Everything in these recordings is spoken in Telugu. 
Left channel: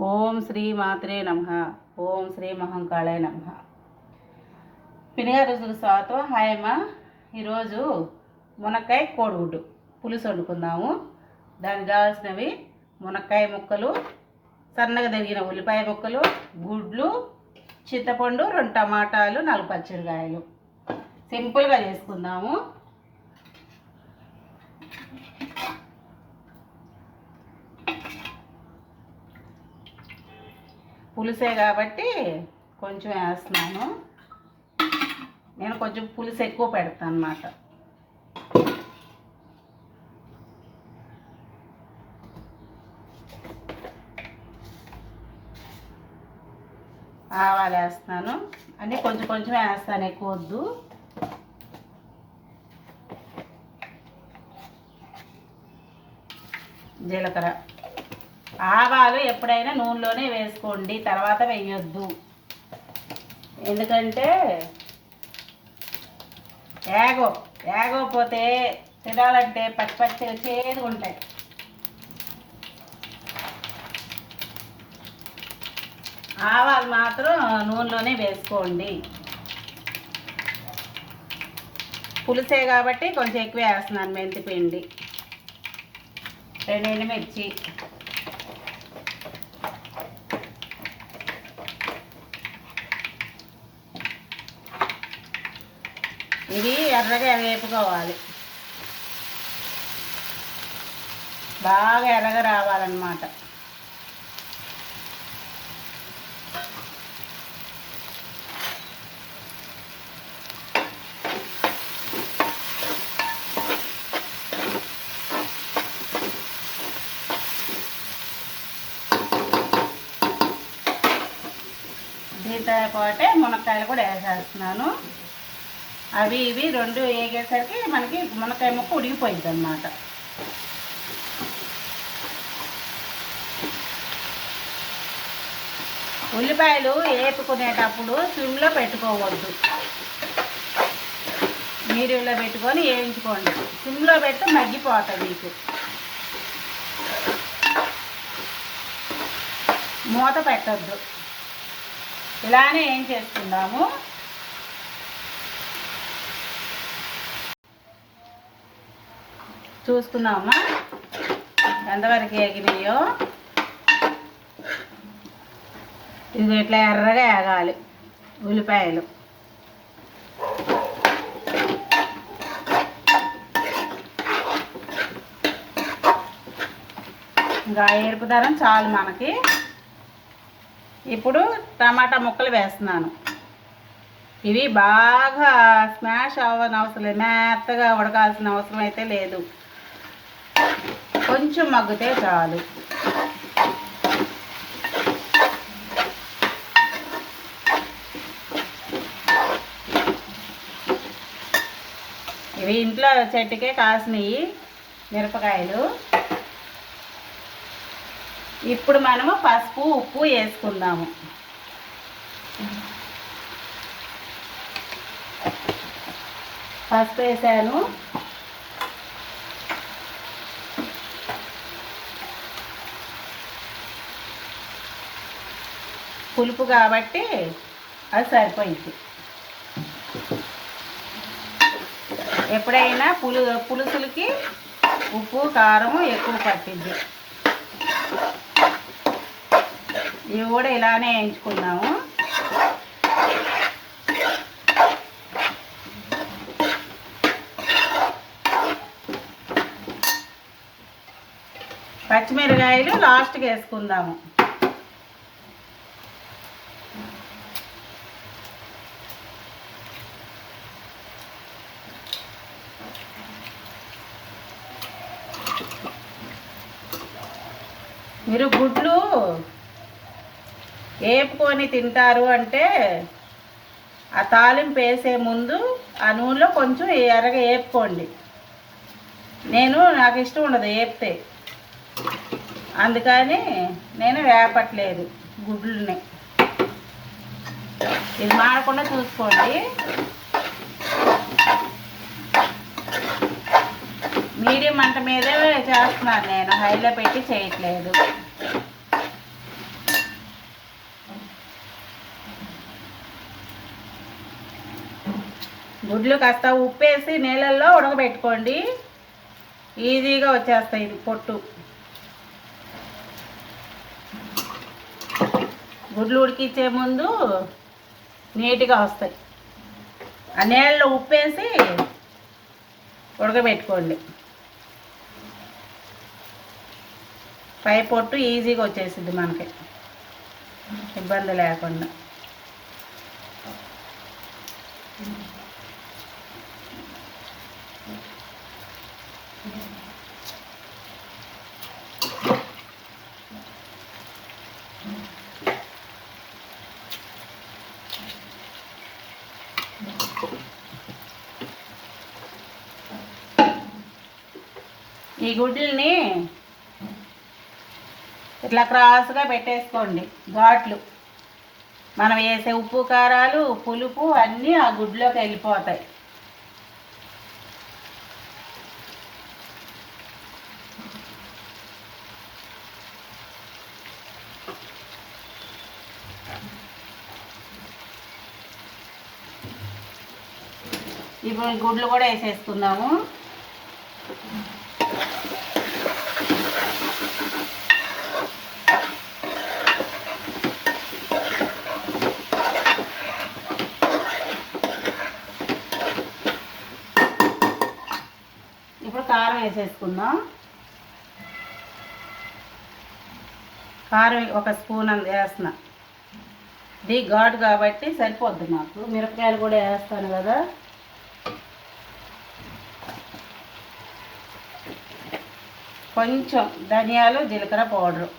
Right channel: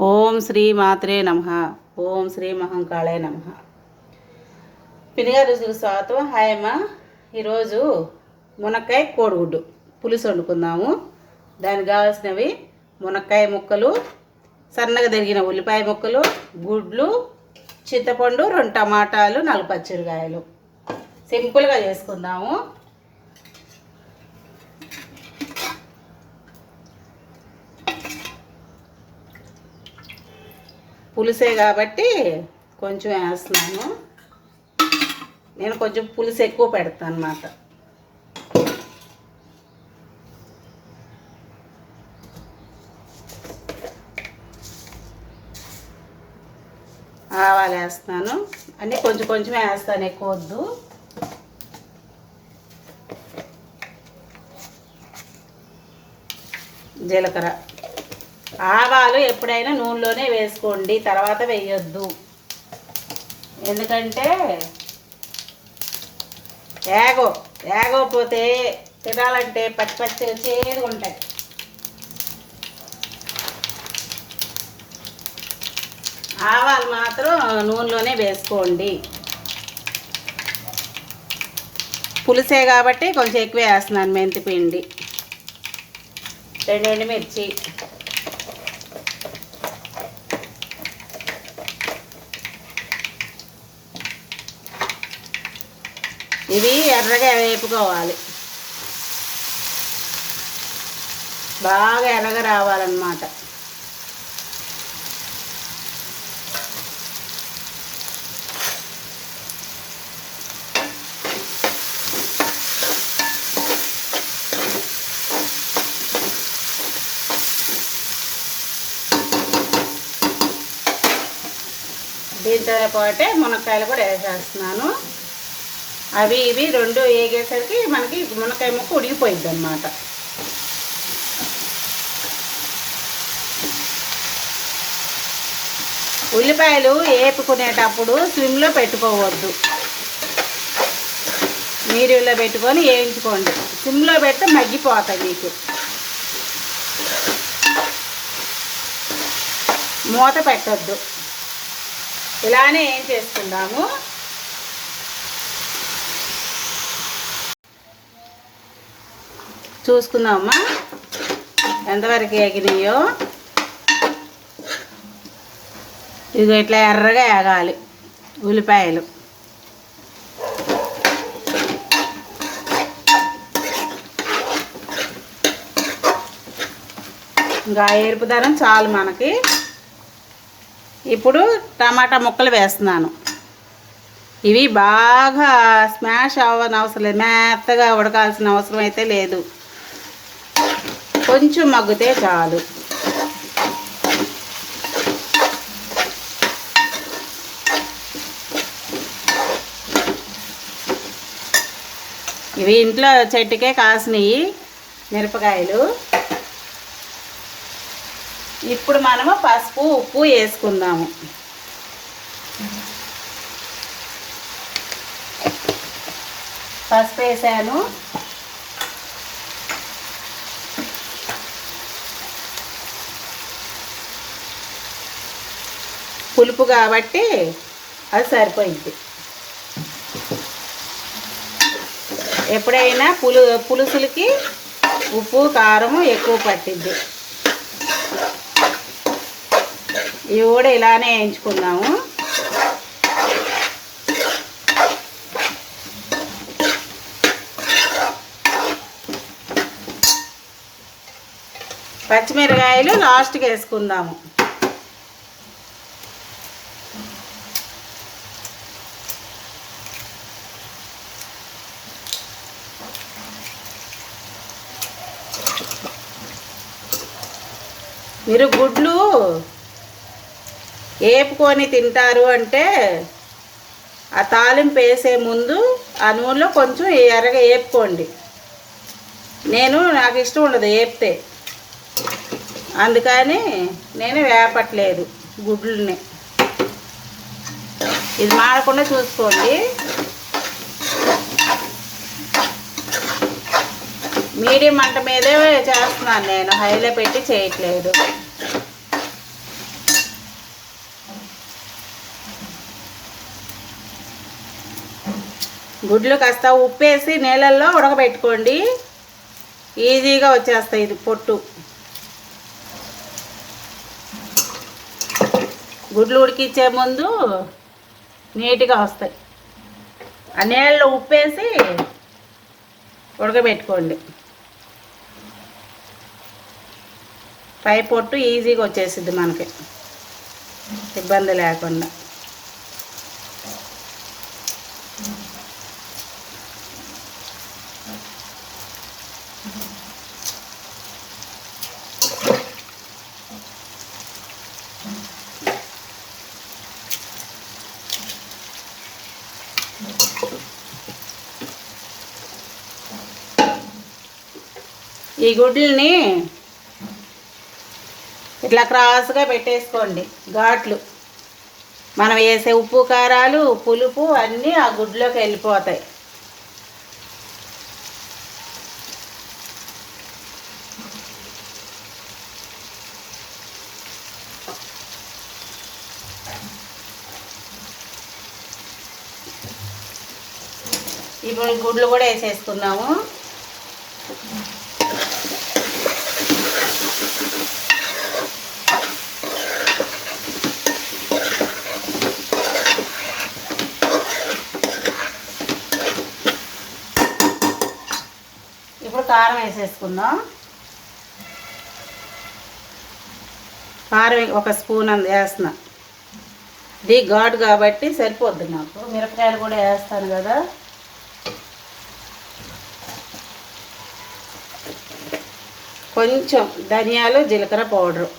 ఓం శ్రీ మాత్రే నమః. ఓం శ్రీ మహంకాళే నమః. పినిగా రుచులకు స్వాగతం. హాయ్ అమ్మ. ఈరోజు మునక్కాయ కోడిగుడ్డు పులుసు వండుకుందాము. దానికి కావాల్సినవి మునక్కాయ ముక్కలు, సన్నగా తరిగిన ఉల్లిపాయ ముక్కలు, గుడ్లు, చింతపండు, 2 టమాటాలు, 4 పచ్చిమిరకాయలు. సింపుల్గా చేసుకుందాము. పులుసే కాబట్టి కొంచెం వేస్తున్నాను. నేను కొంచెం పులుసు ఎక్కువ పెడతాను అన్నమాట. ఆవాలు వేస్తున్నాను. అన్నీ కొంచెం కొంచెం వేస్తాను, ఎక్కువ వద్దు. జీలకర్ర, ఆవాలు ఎప్పుడైనా నూనెలోనే వేసుకోండి, తర్వాత వేయొద్దు. ఎందుకంటే ఏగోపోతే తినాలంటే పచ్చి పచ్చిగా చేదుగా ఉంటాయి. ఆవాలు మాత్రం నూనెలోనే వేసుకోండి. పులుసే కాబట్టి కొంచెం ఎక్కువ వేస్తున్నాను. మెంతిపిండి, 2 ఎండుమిర్చి, ఇవి ఎర్రగా వేపుకోవాలి. బాగా ఎర్రగా రావాలన్నమాట. దీంతో పాటే మునక్కాయలు కూడా వేసేస్తున్నాను. అవి ఇవి 2 వేగేసరికి మనకి మునక్కాయ ముక్క ఉడికిపోయింది అన్నమాట. ఉల్లిపాయలు వేపుకునేటప్పుడు స్విమ్లో పెట్టుకోవద్దు, మీడియంలో పెట్టుకొని వేయించుకోండి. స్విమ్లో పెడితే మగ్గిపోతాయి మీకు. మూత పెట్టద్దు, ఇలానే ఏం చేసుకుందాము. చూసుకుందామమ్మా ఎంతవరకు ఎగినాయో. ఇదిగో ఇట్లా ఎర్రగా ఎగాలి ఉల్లిపాయలు. ఇంకా ఎరుపుదనం చాలు మనకి. ఇప్పుడు టమాటా ముక్కలు వేస్తున్నాను. ఇవి బాగా స్మాష్ అవ్వని అవసరం లేదు, మెత్తగా ఉడకాల్సిన అవసరం అయితే లేదు. కొంచెం మగ్గితే చాలు. ఇవి ఇంట్లో చెట్టుకే కాసినవి మిరపకాయలు. ఇప్పుడు మనము పసుపు, ఉప్పు వేసుకుందాము. పసుపు వేసాను. పులుపు కాబట్టి అది సరిపోయింది. ఎప్పుడైనా పులుసులకి ఉప్పు కారం ఎక్కువ పట్టింది. ఇవి కూడా ఇలానే వేయించుకుందాము. పచ్చిమిరకాయలు లాస్ట్కి వేసుకుందాము. మీరు గుడ్లు వేపుకొని తింటారు అంటే ఆ తాలింపు వేసే ముందు ఆ నూనెలో కొంచెం ఎర్రగా వేపుకోండి. నాకు ఇష్టం ఉండదు వేపితే, అందుకని నేను వేపట్లేదు గుడ్లని. ఇది మాడకుండా చూసుకోండి. మీడియం మంట మీదే చేస్తున్నాను నేను, హైలో పెట్టి చేయట్లేదు. గుడ్లు కాస్త ఉప్పేసి నీళ్ళల్లో ఉడకబెట్టుకోండి, ఈజీగా వచ్చేస్తాయి ఇది పొట్టు. గుడ్లు ఉడికించే ముందు నీట్గా వస్తాయి. ఆ నీళ్ళలో ఉప్పేసి ఉడకబెట్టుకోండి, పై పొట్టు ఈజీగా వచ్చేసిద్ది మనకి, ఇబ్బంది లేకుండా. ఈ గుడ్లని ఇట్లా క్రాస్గా పెట్టేసుకోండి, ఘాట్లు. మనం వేసే ఉప్పు కారాలు పులుపు అన్నీ ఆ గుడ్లోకి వెళ్ళిపోతాయి. ఇప్పుడు గుడ్లు కూడా వేసేసుకున్నాము. ఇప్పుడు కారం వేసేసుకుందాం. కారం ఒక స్పూన్ అంత వేస్తున్నా, ఇది ఘాటు కాబట్టి సరిపోద్ది నాకు. మిరపకాయలు కూడా వేస్తాను కదా. కొంచెం ధనియాలు జీలకర్ర పౌడరు,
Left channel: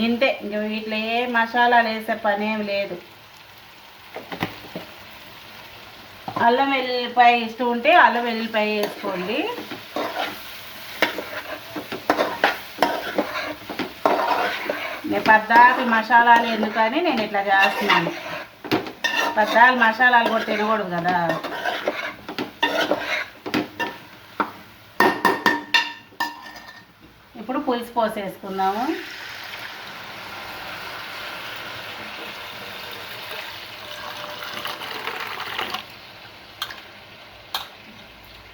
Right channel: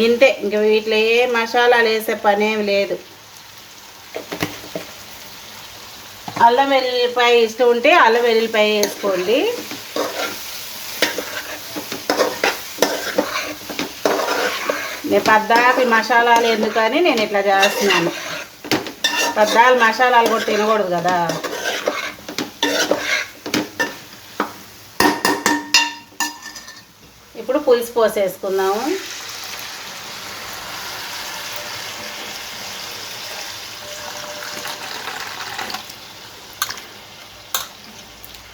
గింతే. ఇంక వీటిలో ఏ మసాలాలు వేసే పనేమి లేదు. అల్లం వెల్లుల్లిపాయ ఇష్టం ఉంటే అల్లం వెల్లుల్లిపాయ వేసుకోండి. నేను పద్దాకి మసాలాలు ఎందుకని నేను ఇట్లా చేస్తున్నాను. పద్దాలు మసాలాలు కూడా తినకూడదు కదా. ఇప్పుడు పులుసు పోసేసుకుందాము.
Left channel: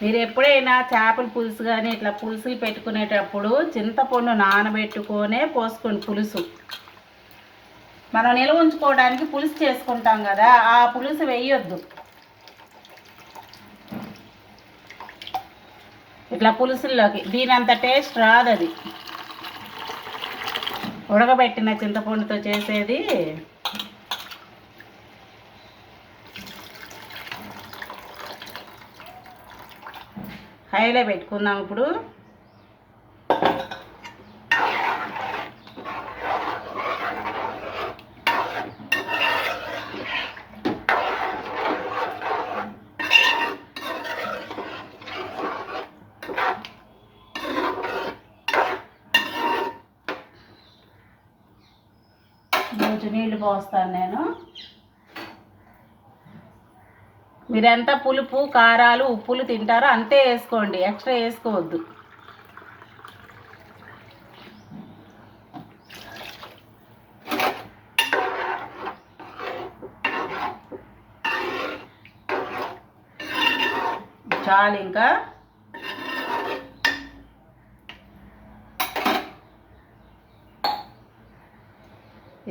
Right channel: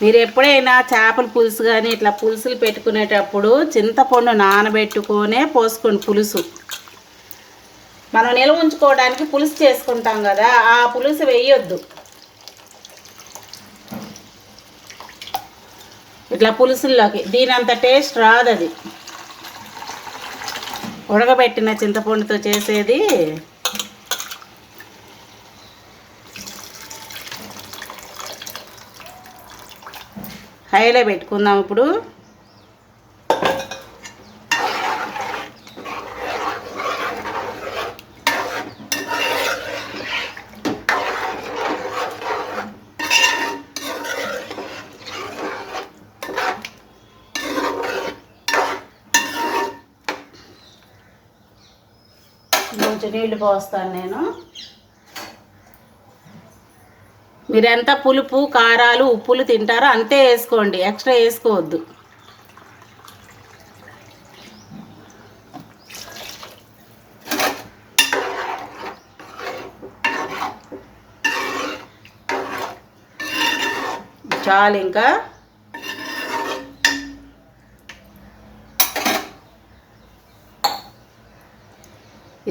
మీరు ఎప్పుడైనా చేపల పులుసు కానీ ఇట్లా పులుసులు పెట్టుకునేటప్పుడు చింతపండు నానబెట్టుకొనే పోసుకోండి పులుసు. మనం నిల్వ ఉంచుకోవడానికి పులుసు చేసుకుంటాం కదా, ఆ పులుసు వేయొద్దు. ఇట్లా పులుసుల్లోకి దీనంత టేస్ట్ రాదు. అది ఉడకబెట్టిన చింతపండుతో చేసేది. హైలో పెట్టుకుందాం ఇప్పుడు. కొంచెం నీళ్ళు పోస్తాను నేను. మీరు ఎంత పులుపు కారాలు ఉప్పులు తింటారో అంతే వేసుకోండి, ఎక్స్ట్రా వేసుకోవద్దు. చాలు ఇంకా.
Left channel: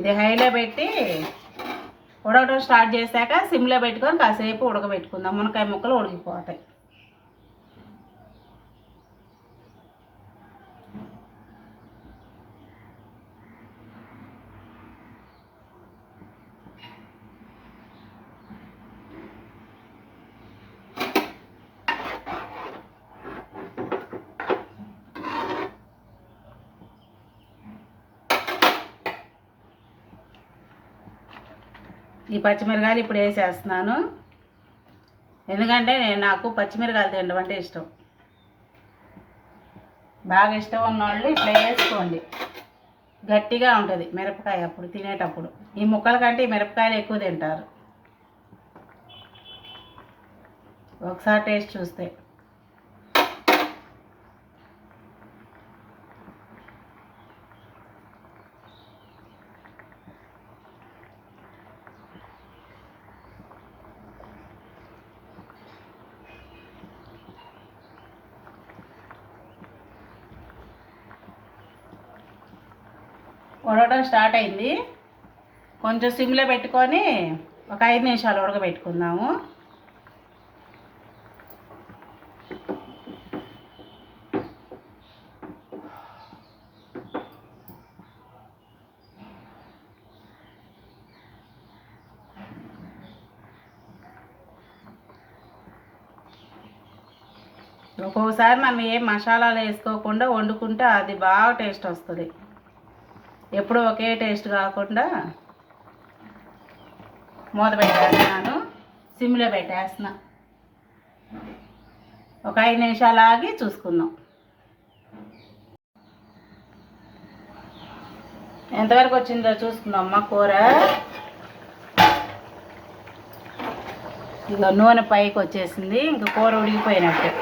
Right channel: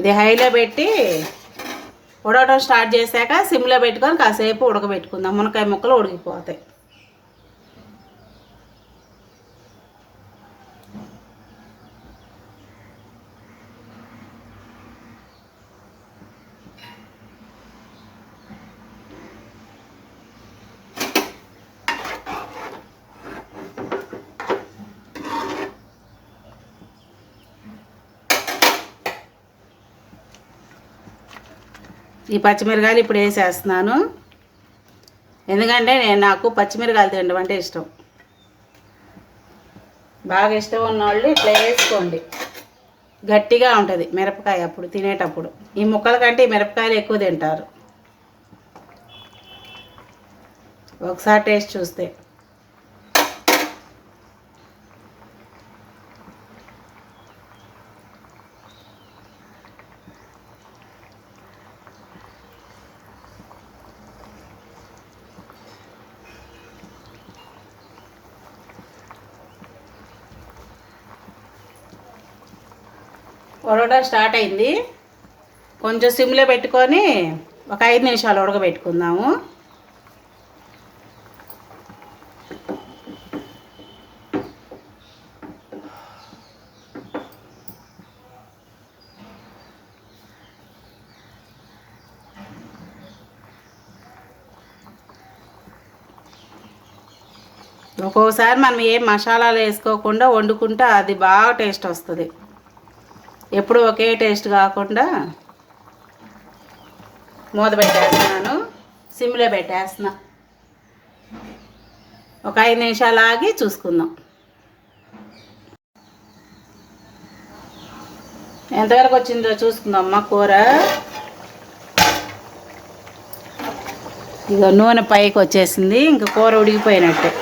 ఇది హైలో పెట్టి ఉడకడం స్టార్ట్ చేశాక సిమ్లో పెట్టుకొని కాసేపు ఉడకబెట్టుకుందాం. మునక్కాయ ముక్కలు ఉడికిపోతాయి. ఈ పచ్చిమిరకాయలు ఇప్పుడు వేసేస్తున్నాను, ఎందుకంటే నాకు పచ్చిమిరకాయలు తినడం అంటే ఇష్టం. బాగా ఇష్టం ఉన్నవాళ్ళు ఇట్లా వేసుకోండి, గట్టిగా ఉంటుంది మిరపకాయ అప్పుడు తినేటప్పుడు. ఈ ముక్కల కంటే ఈ మిరపకాయలు ఎక్కువ తింటారు ఒకసారి టేస్ట్ చూస్తే. ఉడకడం స్టార్ట్ అయింది. కొంచెం సిమ్లో పెట్టుకొని ఒక 5 నిమిషాలు ఉడకబెట్టుకుందాము. ఒక్కోసారి మనం ఏం మసాలాలు వేసుకోకుండా వండుకుంటే అది బాగా టేస్ట్ వస్తుంది. ఎప్పుడు ఒకే టేస్ట్ కాకుండా మూత పెట్టేస్తున్నాను, సిమ్లో పెట్టేస్తున్నా. ఒక 5 నిమిషాలు ఆగి చూసుకుందాం. ఎంతవరకు వచ్చిందో చూసుకుందాం అమ్మ కూర. ఇక నూనె పైకి వచ్చేసింది, ఇంక కూర ఉడికిపోయినట్టే.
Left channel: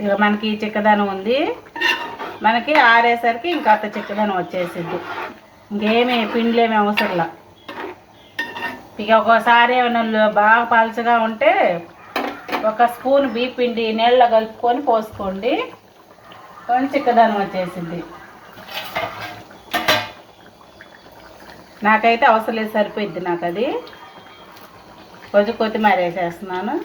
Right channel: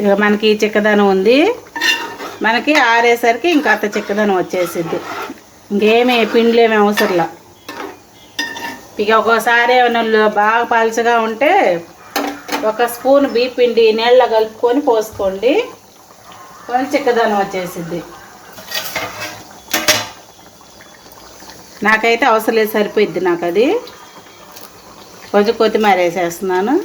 ఇక మనకి చిక్కదనం ఉంది, మనకి ఆరేసరికి ఇంకా అంత చిక్కదనం వచ్చేసిద్ది. ఇంకేమీ పిండిలేమి అవసరంలా. ఇక ఒక్కోసారి ఏమైనా బాగా పలచగా ఉంటే 1 స్పూన్ బియ్య పిండి నీళ్ళలో కలుపుకొని పోసుకోండి, కొంచెం చిక్కదనం వచ్చేసిద్ది. నాకైతే అవసరం లేదు, సరిపోయిద్ది నాకు అది. కొంచెం కొత్తిమీర వేసేస్తున్నాను.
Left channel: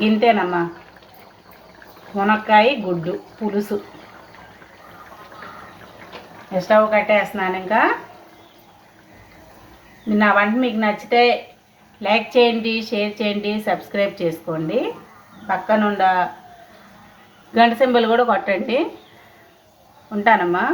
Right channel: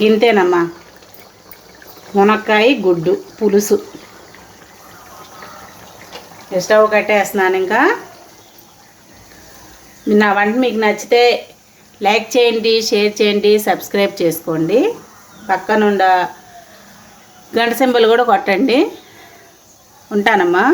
గింతేనమ్మా మునక్కాయ గుడ్డు పులుసు. స్టవ్ కట్టేస్తున్నాను. ఇంకా నా వంట మీకు నచ్చితే లైక్ చేయండి, షేర్ చేయండి, సబ్స్క్రైబ్ చేసుకోండి. పక్కనుండ గంట సింబల్ కూడా కొట్టండి. ఉంటానమ్మా.